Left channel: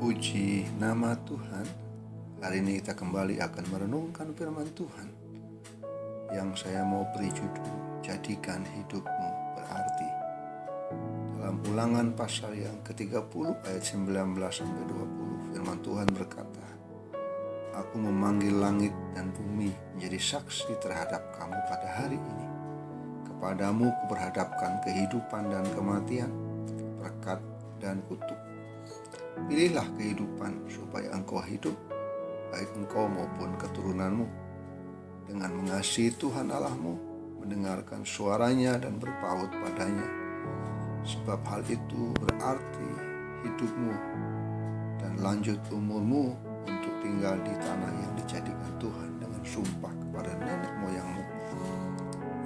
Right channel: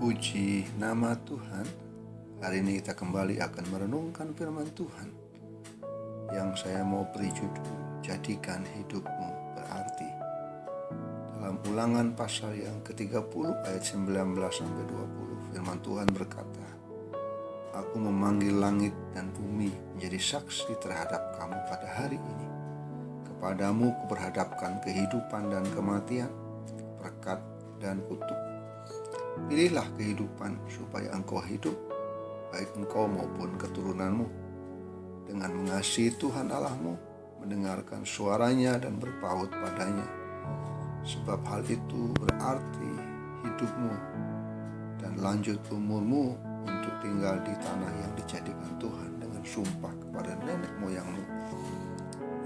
Puji nama Tuhan. Hari ini kita kembali akan merenungkan firman Tuhan yang saya mau beri judul, Jadikan Hidupmu Berarti. Dalam Ulangan pasal yang ke-30 ayat 19-20, firman Tuhan berkata, Aku memanggil langit dan bumi menjadi saksi terhadap kamu pada hari ini. Kepadamu kuperhadapkan kehidupan dan kematian, berkat dan kutuk. Pilihlah kehidupan supaya engkau hidup, baik engkau maupun keturunanmu, dengan mengasihi Tuhan Allahmu, mendengarkan suaranya dan berpaut padanya. Sebab hal itu berarti hidupmu dan lanjut umurmu untuk tinggal di tanah yang dijadikan Tuhan dengan sumpah kepada nenek moyangmu,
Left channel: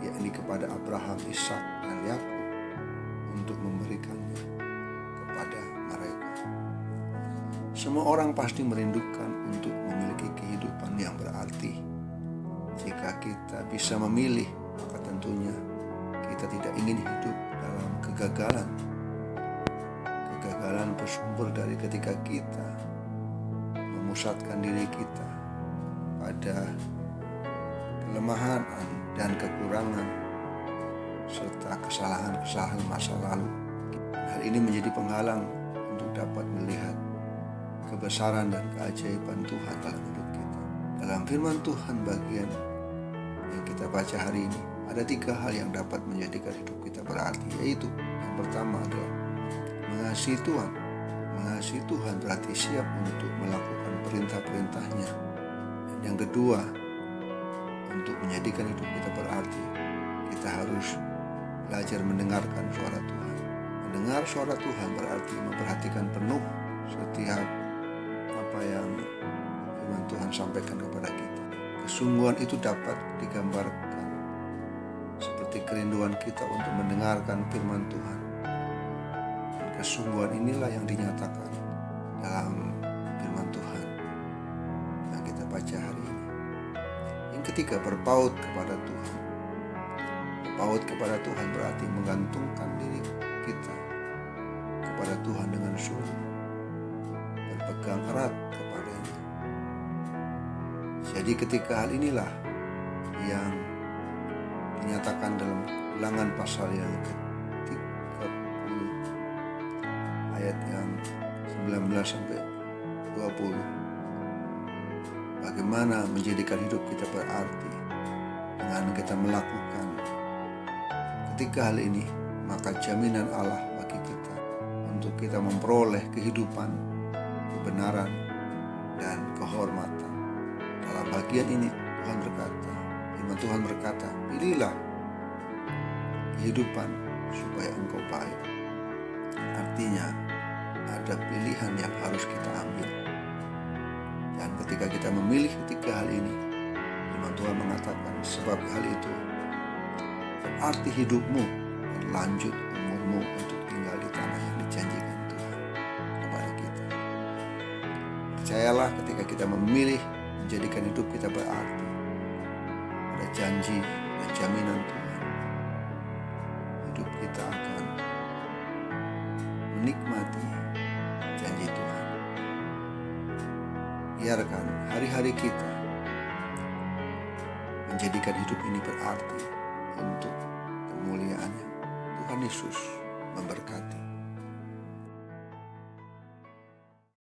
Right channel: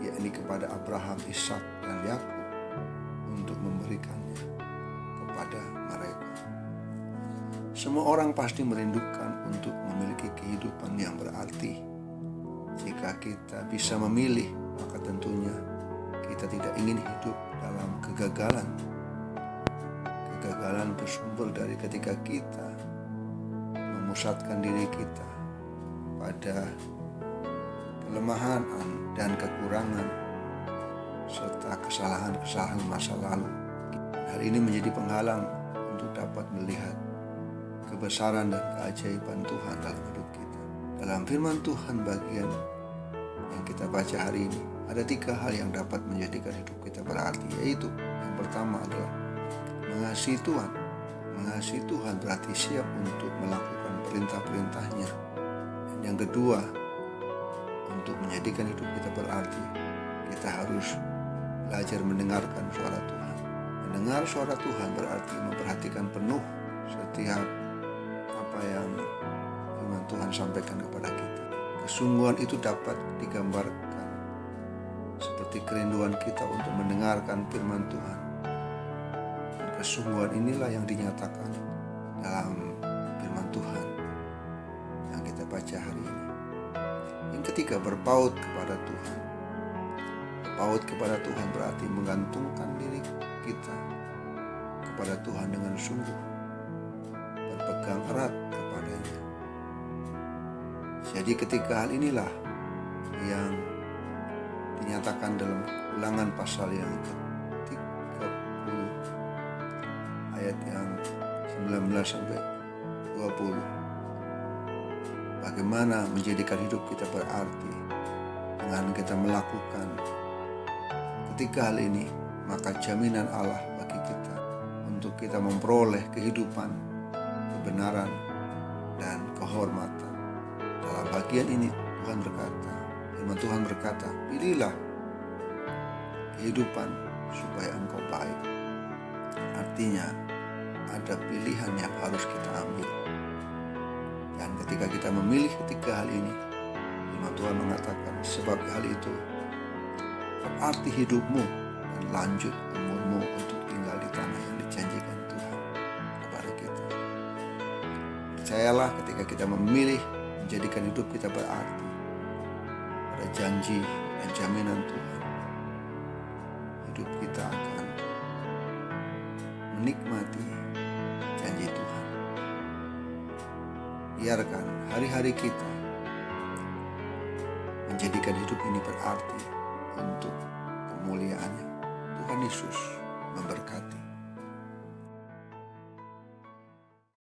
yakni kepada Abraham, Ishak, dan Yakub, untuk memberikannya kepada mereka. Semua orang pasti merindukan untuk memiliki kehidupan yang berarti. Jika kita bisa memilih, maka tentunya kita tidak ingin hidup dalam kegagalan. Kegagalan bersumber dari ketika kita memusatkan diri kita pada kelemahan dan kekurangan serta kesalahan-kesalahan masa lalu. Hal ini menjadi penghalang untuk dapat melihat kebesaran dan keajaiban Tuhan dalam hidup kita. Dalam firman Tuhan bagian yang kita baca hari ini, ada 3 hal yang dapat menjadikan hidup kita berarti, yaitu yang pertama adalah mengasihi Tuhan. Mengasihi Tuhan berarti siap untuk melakukan perintah-perintahnya. Dan yang kedua, untuk menjadikan hidup kita berarti, kita harus belajar mendengarkan suara Tuhan. Mendengar suara Tuhan berarti memperhatikan penuh setiap apa yang firman Tuhan sampaikan kepada kita. Kesungguhan itu dapat digambarkan seperti kerinduan kita untuk mendengarkan firman Tuhan. Dan kesungguhan inilah yang dinyatakan dalam firman Tuhan yang kita baca hari ini. Yang ketiga, berpaut kepada Tuhan. Berpaut kepada Tuhan berarti menggantungkan diri kita kepada Tuhan dengan sungguh, berpegang erat kepadanya. Jadi ketika hal inilah yang dinyatakan dalam Ulangan pasal yang ke-30 ayat yang 19-20. Bagaimana menjadikan hidup kita berarti dengan kita melakukan ketika hal ini, maka jaminan Allah bagi kita untuk kita memperoleh kehidupan, kebenaran, dan kehormatan. Dalam bagian ini Tuhan berkata, firman Tuhan berkata, pilihlah kehidupan supaya engkau baik. Artinya ada pilihan yang harus kita ambil. Dan ketika kita memilih ketiga hal ini, firman Tuhan mengatakan, sebab hal itu berarti hidupmu dan lanjut umurmu untuk tinggal di tanah yang dijanjikan Tuhan kepada kita. Percayalah, ketika kita memilih menjadikan hidup kita berarti, ada janji dan jaminan Tuhan. Hidup kita akan menikmati janji Tuhan. Biarkan hari-hari kita menjadikan hidup ini berarti untuk kemuliaan-Nya. Tuhan Yesus memberkati.